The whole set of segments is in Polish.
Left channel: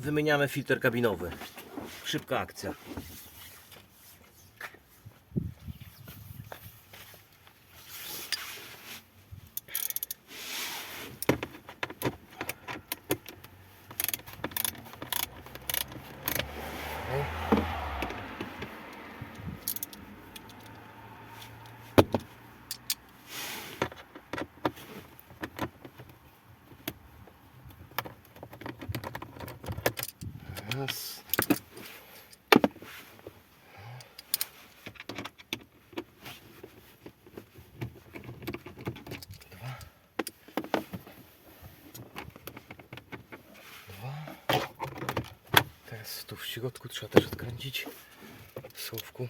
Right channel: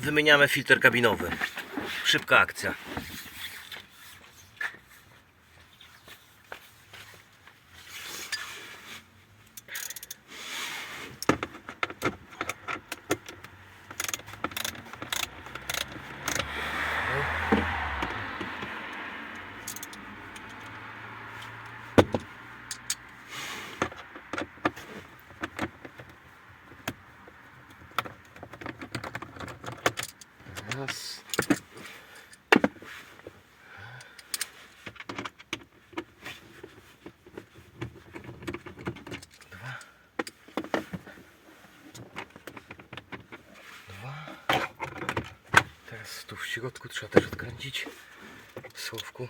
wymieniamy filtr kabinowy. Szybka akcja. Raz. Dwa. Dwa. Teraz tu w środku trzeba też odkręcić słówku.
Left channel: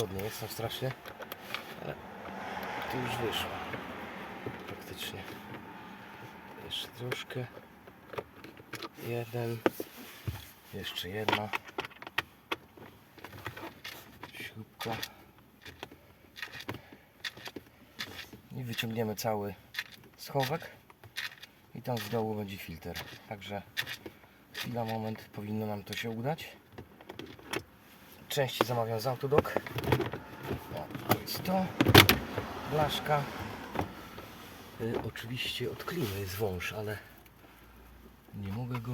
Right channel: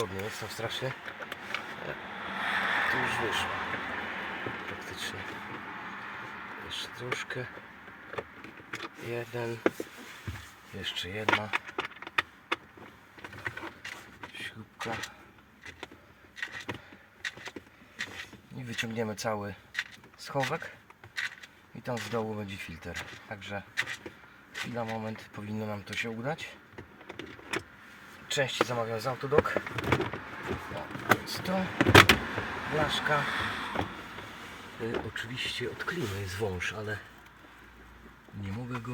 Niewygodnie jest tam strasznie. To już wyszło. Praktycznie. Jeszcze troszkę. Jeden. Jeszcze jedna. Śrubka. I wyciągniemy cały schowek i tam z dołu będzie filtr. Także chwila, moment, powinno nam to się udać. Części zamawiam z Autodoc. O, jest to. Blaszka. Y, oczywiście od klimy jest wąż, ale nie mogę go...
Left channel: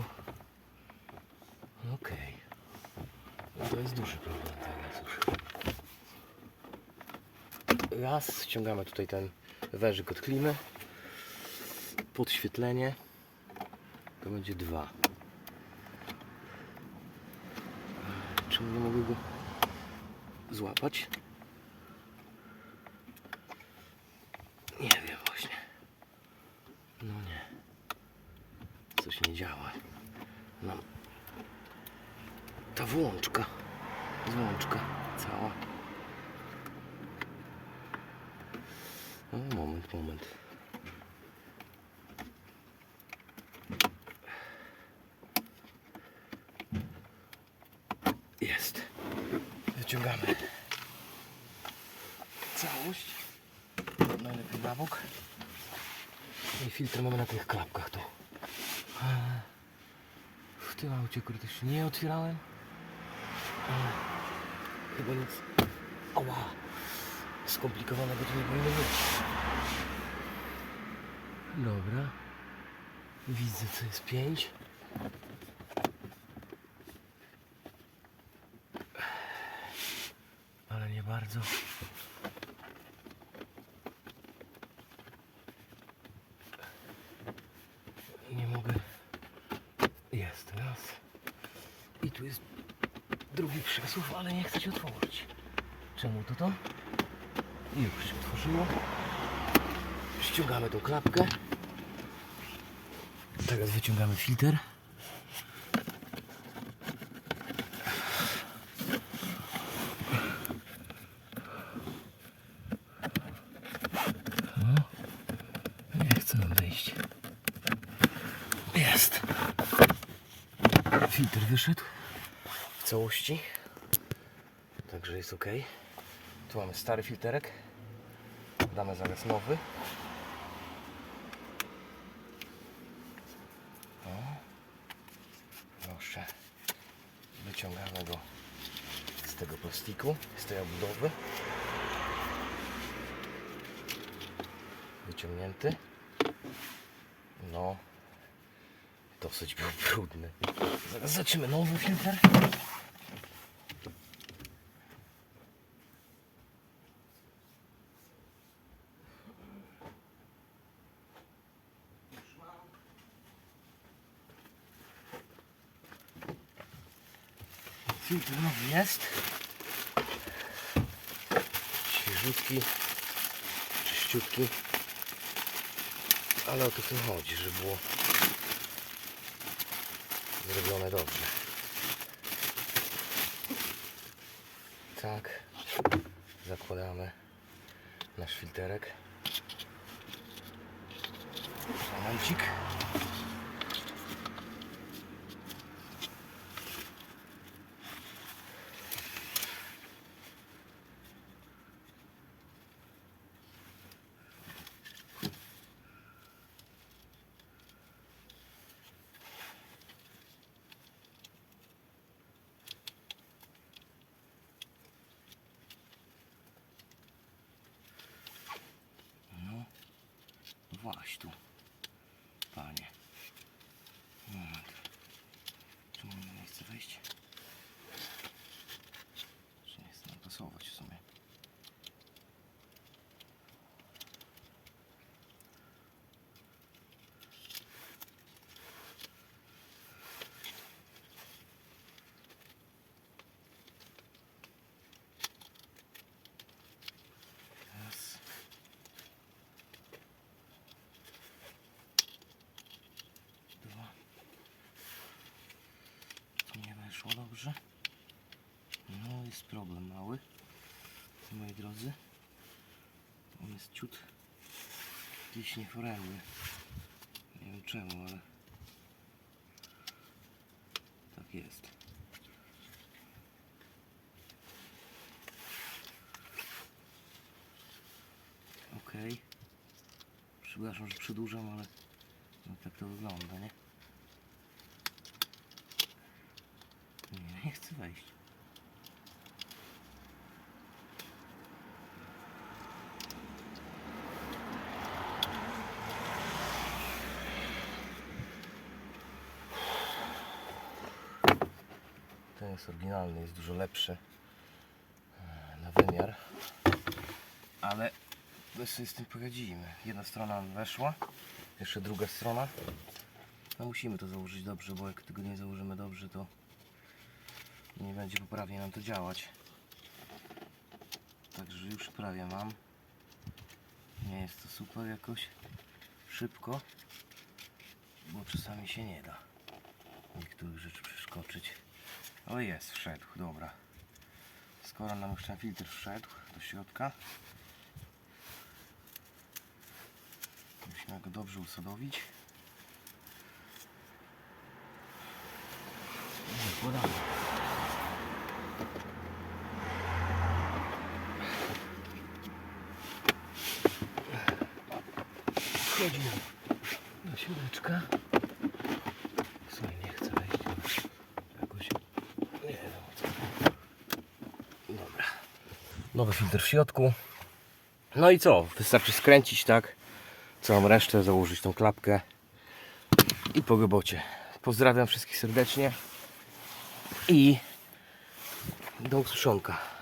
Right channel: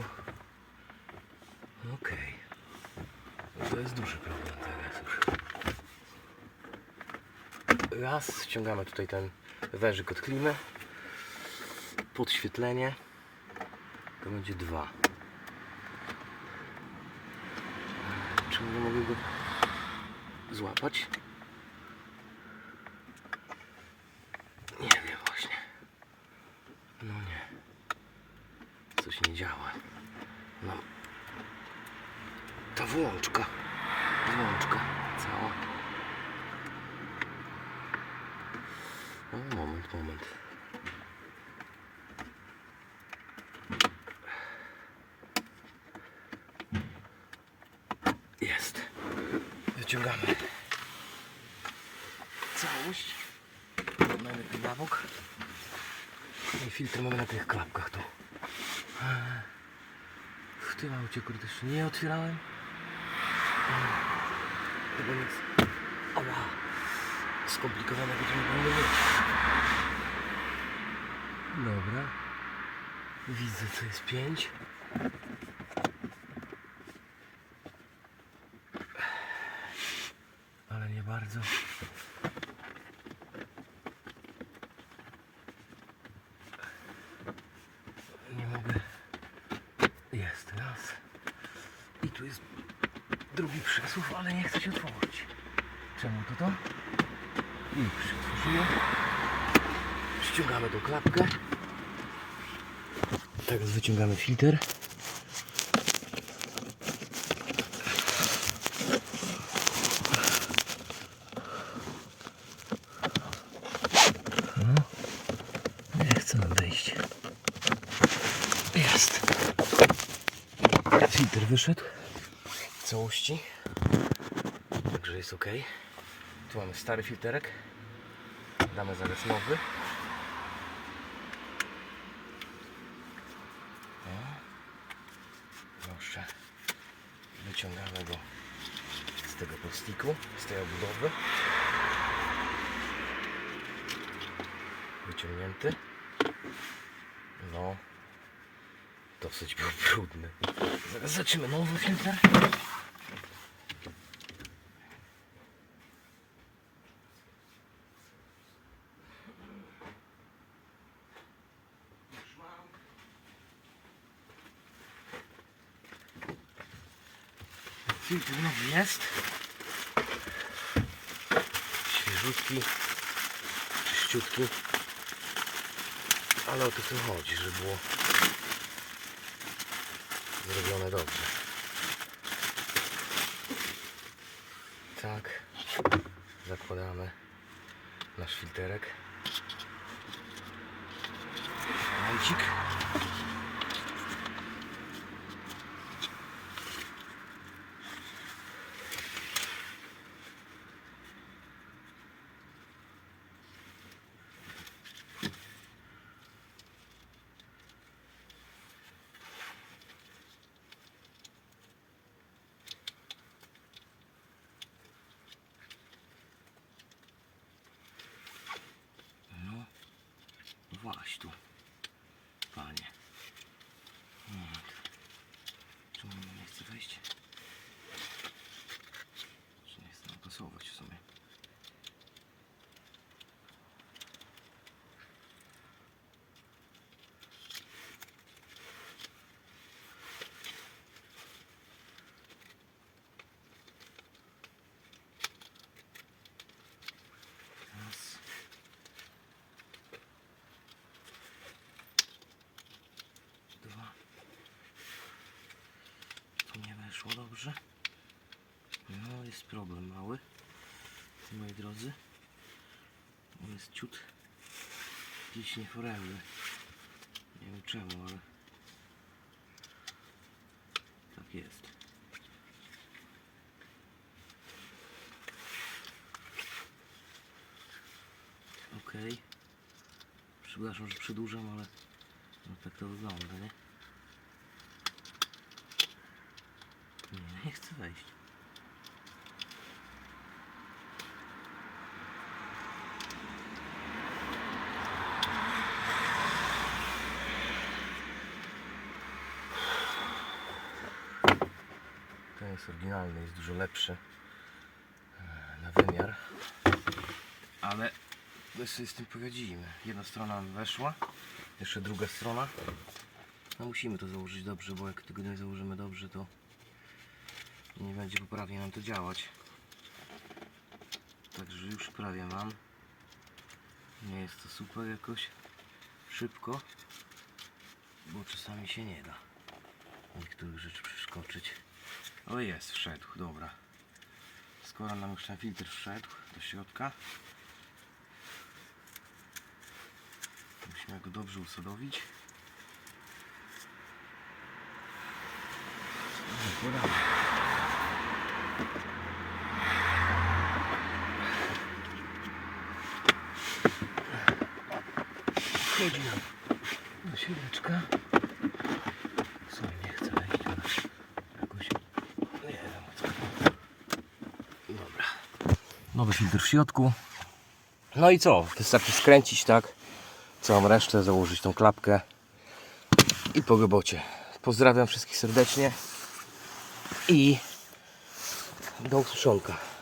Okej. No To jest duży problem teraz już. Raz, ściągamy tutaj ten wężyk od klimy podświetlenie to będzie dwa. Czemu nie mogę go złapać? Nie wiem właśnie. No nie. Coś nie działa. No. Ta włączka. Włączka cała. O, moment, moment. Jest. Wyciągamy całość. Mamy na bok. I filtr mamy na tych klapkach tu. W tym aucie kurde jeszcze nie otwierałem. Chyba nic. Ała. Skomplikowanego to nie powinno być. Dobra. Widzę co jest 5. ale nie bardzo. Nie mogę. Jest raz. I tu jest drugi przesuw, ale nie chce się otworzyć. Czemu to to? Już się otworzyło. Ściągamy tą klapkę. Teraz wyciągamy filtr. Nie chcę nam wejść. Jest. Filtr wyszedł w całości. Także jest ok. Tu mamy stary filterek. Damy zaraz nowy. O. Proszę. Wyciągamy go z tego plastiku, z tej obudowy. wyciągnięty. No, dosyć był brudny. Zaraz zobaczymy nowy filtr. Filtr nowy jest. Świeżutki, czyściutki. Ale o to tym chodzi, żeby było zrobione dobrze. Tak, zakładamy nasz filterek. Momencik. Właśnie tu. Panie. Nie. Czemu ona nie chce wejść? Czy nie chce nam pasować w sumie? Raz. Dwa. Weszło dobrze. No jest problem mały. Moi drodzy. On jest ciut gdzieś nieforemny. Nie wiem czemu, ale tak jest. Okej. Przepraszam, że przedłużam, ale no tak to wygląda, nie? Nie, nie chcę wejść. Ten jest oryginalny, jest dużo lepszy e, na wymiar. Ale my sobie z tym poradzimy. Jedna strona weszła, jeszcze druga strona. No musimy to założyć dobrze, bo jak tego nie założymy dobrze, to nie będzie poprawnie nam to działać. Także już prawie mam. Nie jest to super jakoś szybko, bo czasami się nie da niektórych rzeczy przeskoczyć. O jest, wszedł, dobra. Skoro nam już ten filtr wszedł do środka, musimy go dobrze usadowić. Zakładamy. Wchodzi nam do środka. Sobie nie chce wejść, ale jakoś nie wiem o co. Dobra. Nowy filtr w środku. No i co? Wystarczy skręcić tak. Całą resztę, założyć tą klapkę i po robocie. Pozdrawiam wszystkich serdecznie i do usłyszonka.